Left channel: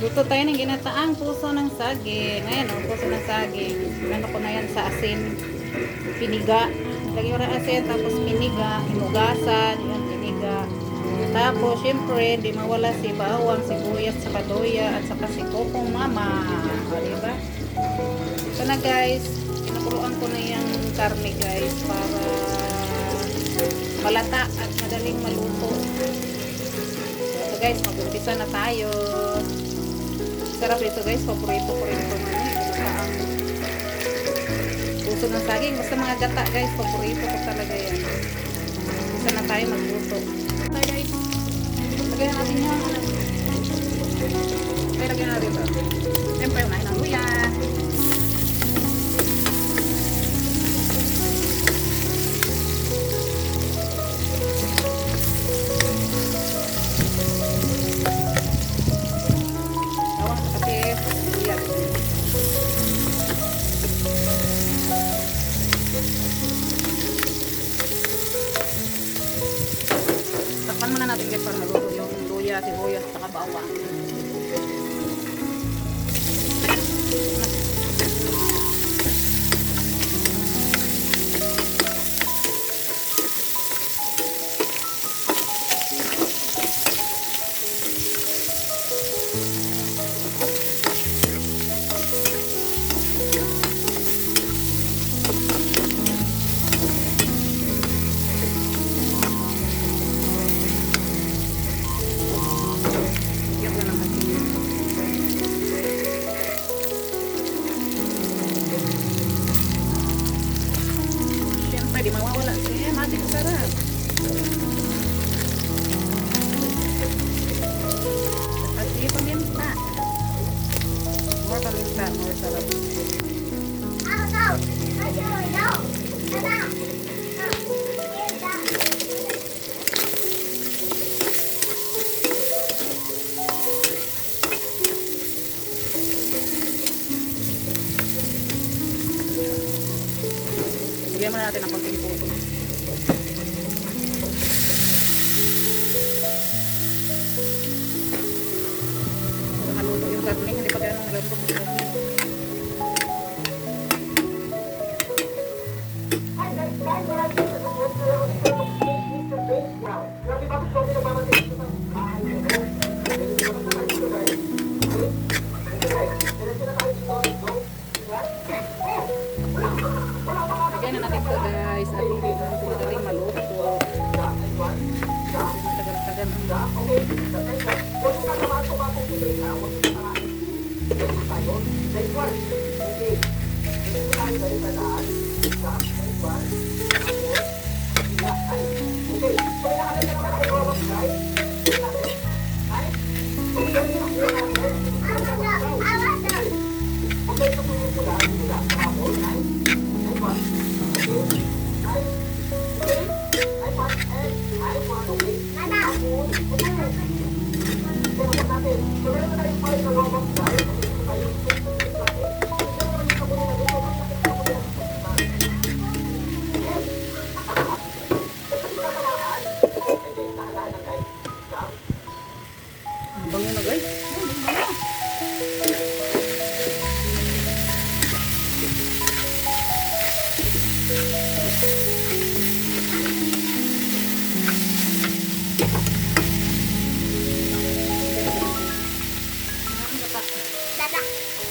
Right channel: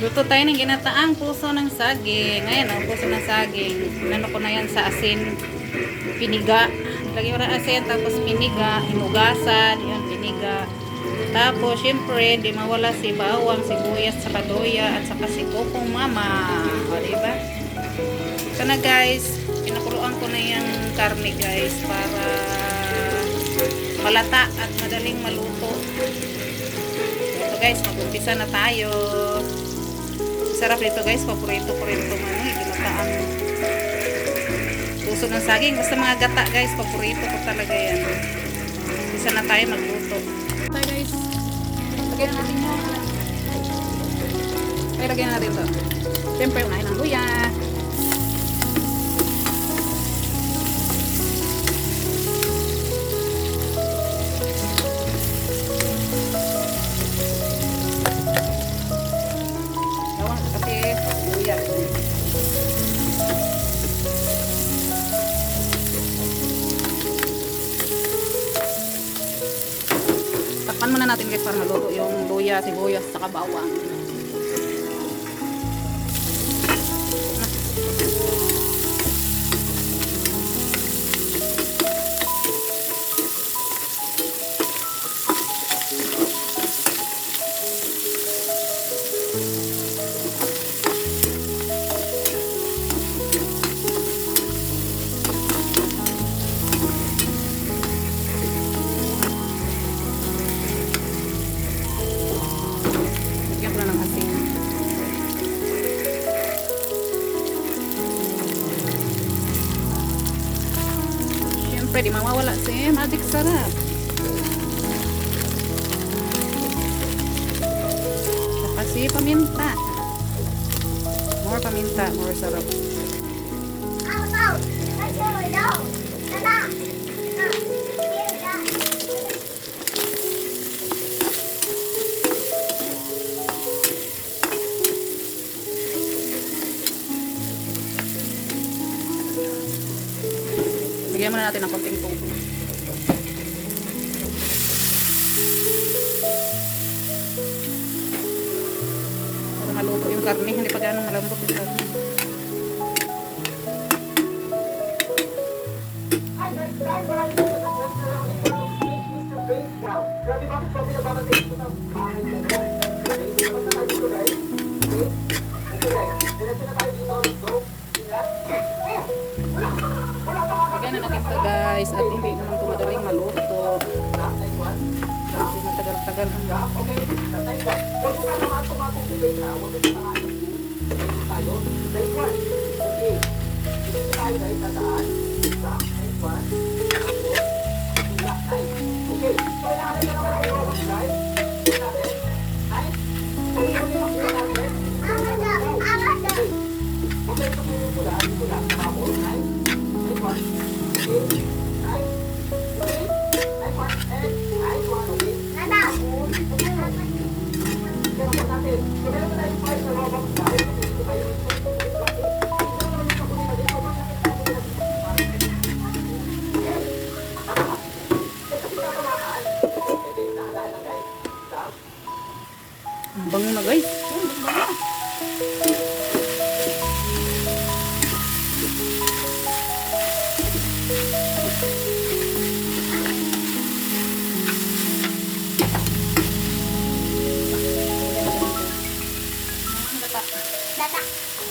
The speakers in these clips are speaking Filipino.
Luto tayo ng ginataang puso ng saging. Ayan o, puso ng saging. Nano ko na yan sa asin. Piniga. Lagyan mo ng asin, tapos piniga. Hinugasan. Yun, piniga. Tapos, syempre, di mawala si bawang, sibuyas, saka doya, at saka si kokong mama. O, diba? So na guys, pinakuluan ko na yung karne guys para malata at madaling maluto. So guys, mag-umpisa na tayo. Sarap nito guys, paborito ko rin itong ginataang puso ng saging. Basta mga gata guys, paborito ko talaga yan. Umpisa na tayo magluto. Tayo guys, lagyan natin yan. Kaya lagyan natin ito. Siyempre, kain ng luya. Takpan muna natin guys para maluto yung luya, sibuyas, saka bawang. Pwede mawawala siya. Matik sarap. Kasi paminta. More paminta. More sarap. Bigyan muna natin ng konting tubig. Para maluto yung karne, hindi pa gano'ng malambot yung karne. Lagyan na natin ito guys at hindi naman ito madaling maluto. Hindi matagal-tagal. Ang bango na guys.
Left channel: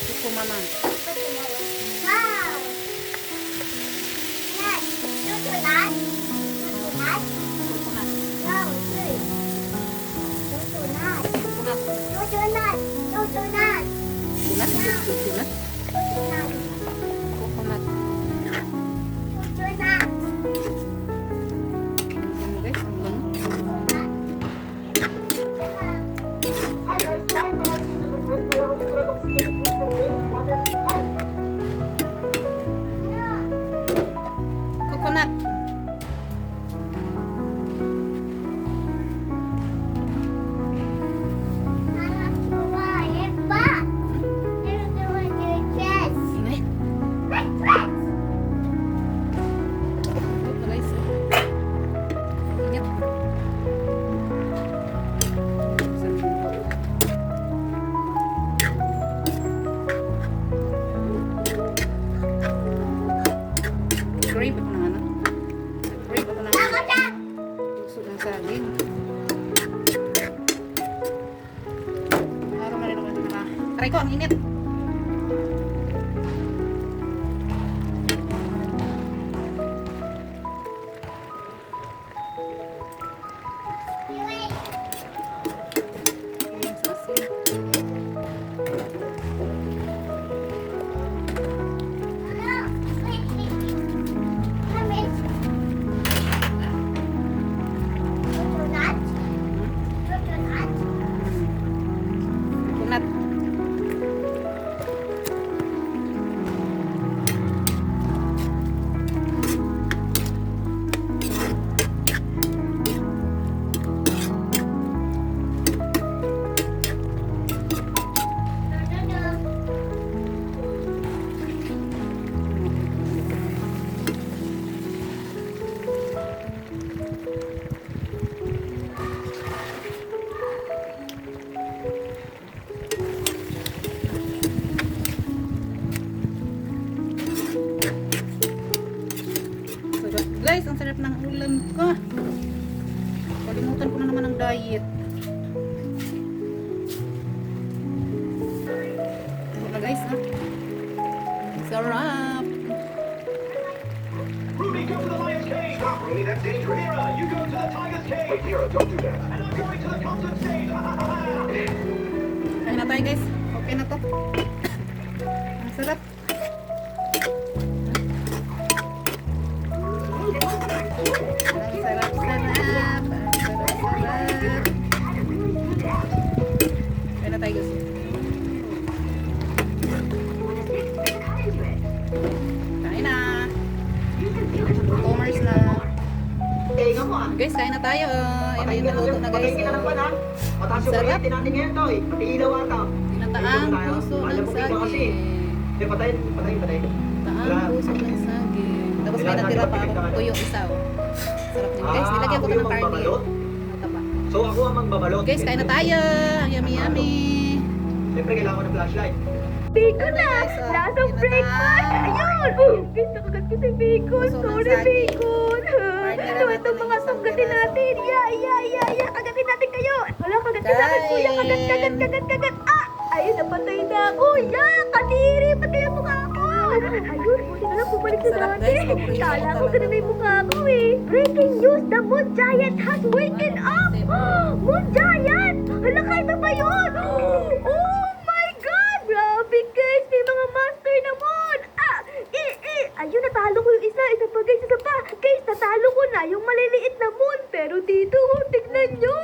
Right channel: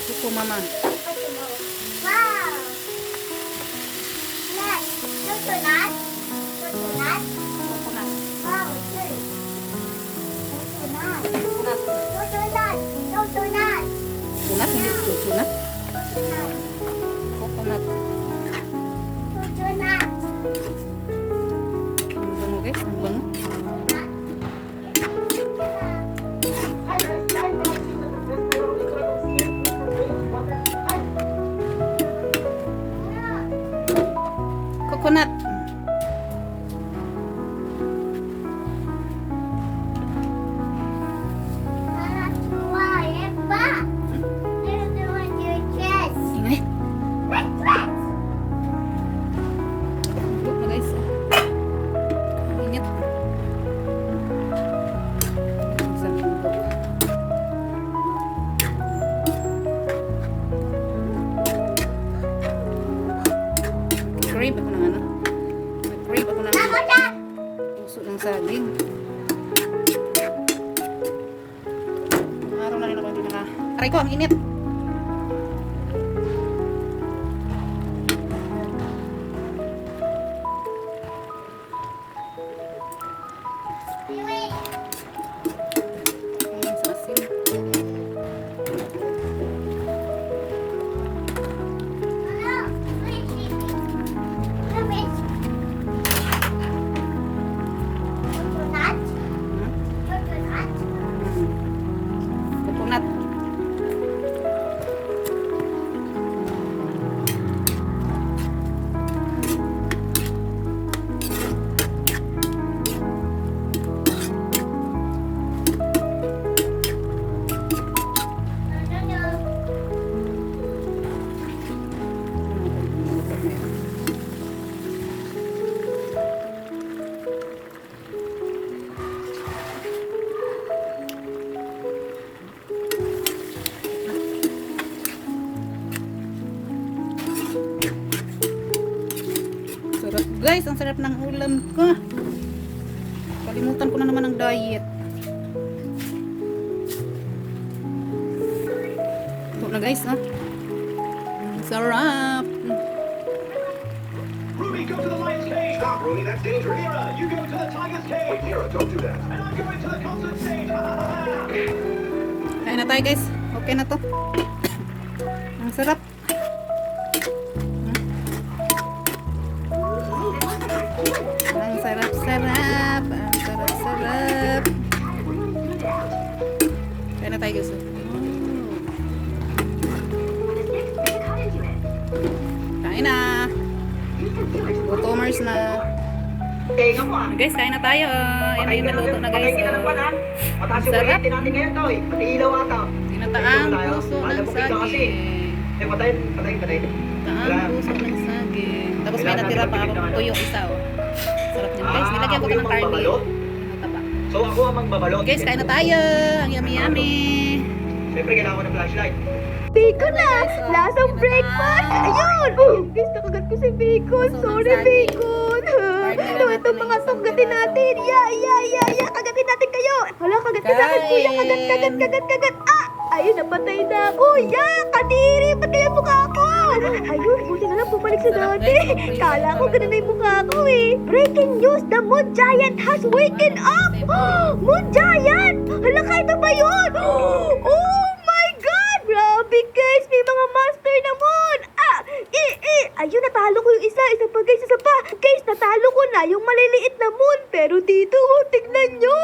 Ito mama. Sunat, hindi sunat. Coconut. Ang bango guys, ang bango. Coconut. Aray ko, ang init. Ayan, sa asin. Coconut. Sarap guys, ang sarap ng ulam ko. Kalimutan ko na naman ang diet. Ito na guys ha. Ang sarap. Ruby, go to the lion's cage! Stop, Ruby, that's dangerous. Mira, you go to the tiger's cage! Wait, Mira, don't do that. And I'm going to the concert stage! Ha, ha, ha, ha. Ayun na tayo guys. Okay na to. Ang sarap. Ang sarap-sarap. Ang sarap-sarap. Ayun na tayo guys. Kain na. Commerce na. Guys, kain na tayo. Ayan na yung naluto na guys. Ang sarap. natin ngayon, Toy. Ilaw ata. Tinataang puso ng saging. Patay. Taang puso ng saging. Tapos may natira pa ako tuyo isa oh. Sarap niyan guys. Nilagyan ko to ng karne. Nataba. So ako ang magbabalot. Guys, kain na tayo. Ang yummy. Siyempre, kailangan ko ng flashlight. Bacon na! Guys, oh, Lasang yun na breakfast! tayo. Ayun! Guys, nakagat ko si bacon! Puso ng Sorry, saging. bacon! Partner na natin Ito ng mga isang sanggatin piraso. natin! Ya! Kagatin natin kayo! Wala, kagat ka sa akin, kuya! Kagat! Ah! Ayun, napatay na ako! Ya! Kadiri! Patay ang mukha ko! Ayun, buti na lang bumalik sa Sarap, dati! guys. Paborito Kala ko ko talaga ganun na yung to. mukha ko eh! Breaking news! The Moon Giant has waken up! Moon Giant! Hala ka, ito ba yun? Oh my God! Grabe guys! May mga master na moon! Ayun, natalo ko yung isa. Isa pa guys, isa pa. Guys, natalo ko na yung maliliit na moon. Pero dito, tignan nyo.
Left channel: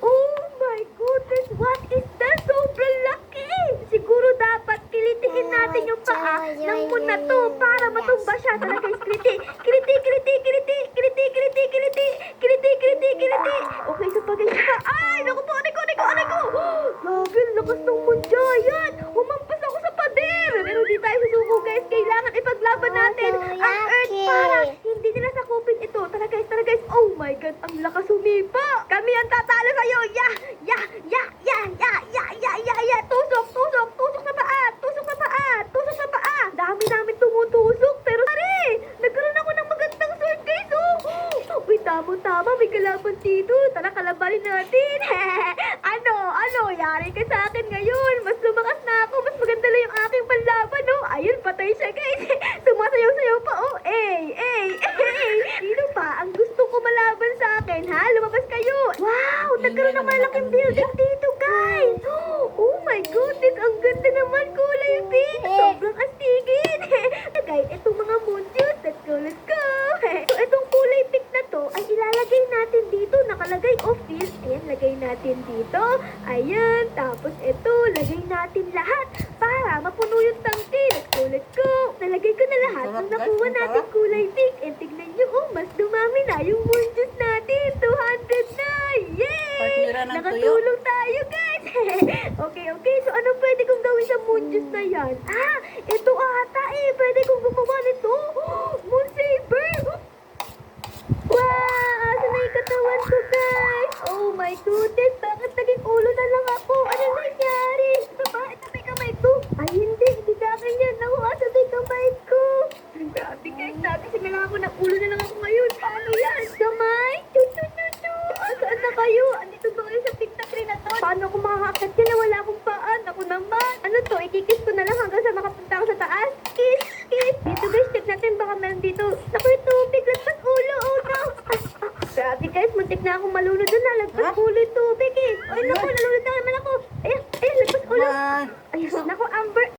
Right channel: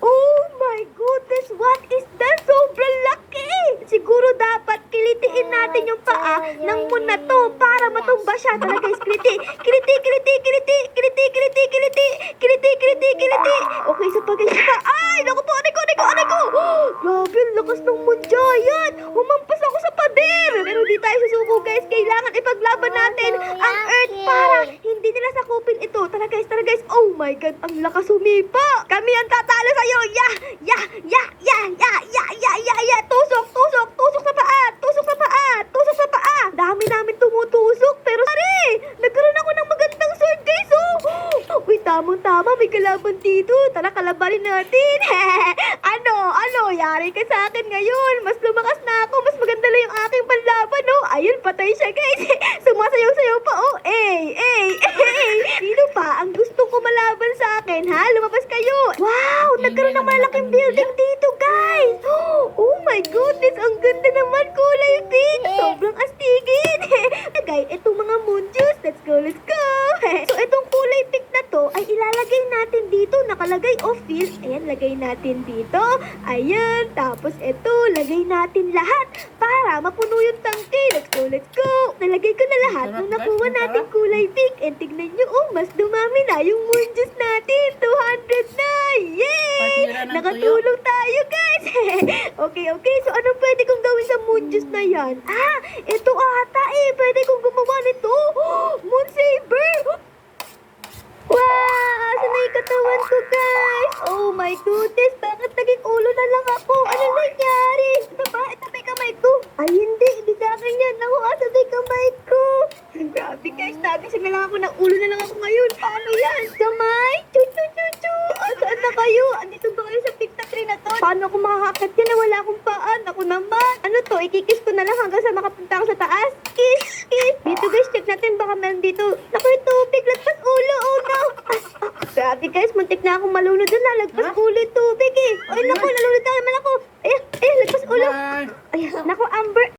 Oh my goodness, what is that? Sobrang laki! Siguro dapat kilitiin natin yung paa ng moon na to para matumba siya. Tara guys, kiliti. Okay, isa pa guys, isa pa. Ay, naku po, aray ko. Grabe, ang lakas ng moon giant. Humampas ako sa pader. Pero di tayo susuko guys. Kailangan ipaglaban natin ang earth para hindi nila sakupin ito. Tara guys. Oh my God, ang lakas humipa. Kami ang tatalo sa'yo. Ya. Tusok sa paa. Dami namin tumutusok. Pero pare, nagkaroon ako ng magandang sword guys. Oh. Uy, tama. May kalaban dito. Tara, kalabanin natin. Ano? Yari ka sa akin ngayon. Mas lumakas na ako. Mas maganda lang yung aking panlaban, no? Ayun, patay siya, guys. Sumasayaw-sayaw pa, oh. Sino pa ang gusto ko malaban sa akin, ha? Lumabas kayo. Wow, nagkaroon ng malaking building dito, guys. Oh my goodness, ang ganda naman. Kulay pink. Sobrang astigin. Guys, itong mga moon juice. Let's go. So, itong kulay pink na to ay ilalagay natin dito. Nakalagay office. Ayan, lagay natin dito. Ayan. Tapos ito, lagay natin lahat para mapuno yung tangke. Let's go. Nalagay ko na lahat Sarap, nung guys. nakuha Ang natin sarap. kulay pink. And tignan nyo, mas dumami na yung moon juice natin. 200 na. Yay! Partnera ng tuyo. Nakatulong tayo, guys. Okay. So, ano pwede kong gawin sa moon juice na yan? Ito ata eh. Pwede kong gumawa nito. Moon saber. Wow! Asan na yung katawan ko, guys? Oh my goodness! Bakit naging ulo na lang ako? Ano nangyari? Ito ba? Ito may kamay ko? Ay, hindi sa akin yan. Naku, asan na yung kamay ko? Grabe, guys. Nagising na lang ako ng ulo na lang ako ngayon. Paano yan? Kamay? Chu! Saan na kayo? Andito ba kayo sa picta tree na to? Paano ako makakakit yan? Wala akong paan. Ako naman. ikikis ko na lang hanggang sa makapunta ako sa taas. Kiss, kiss. Dito guys, check natin baka meron dito. Naku, yung tubig, lagpas ulo, oh no. Grabe guys, muntik na akong malunod doon na. Lagpas ulo yung tubig eh. Ay naku, nalunod na naman ako. Ayan, lagpas ulo. Ayan, naku, Amber.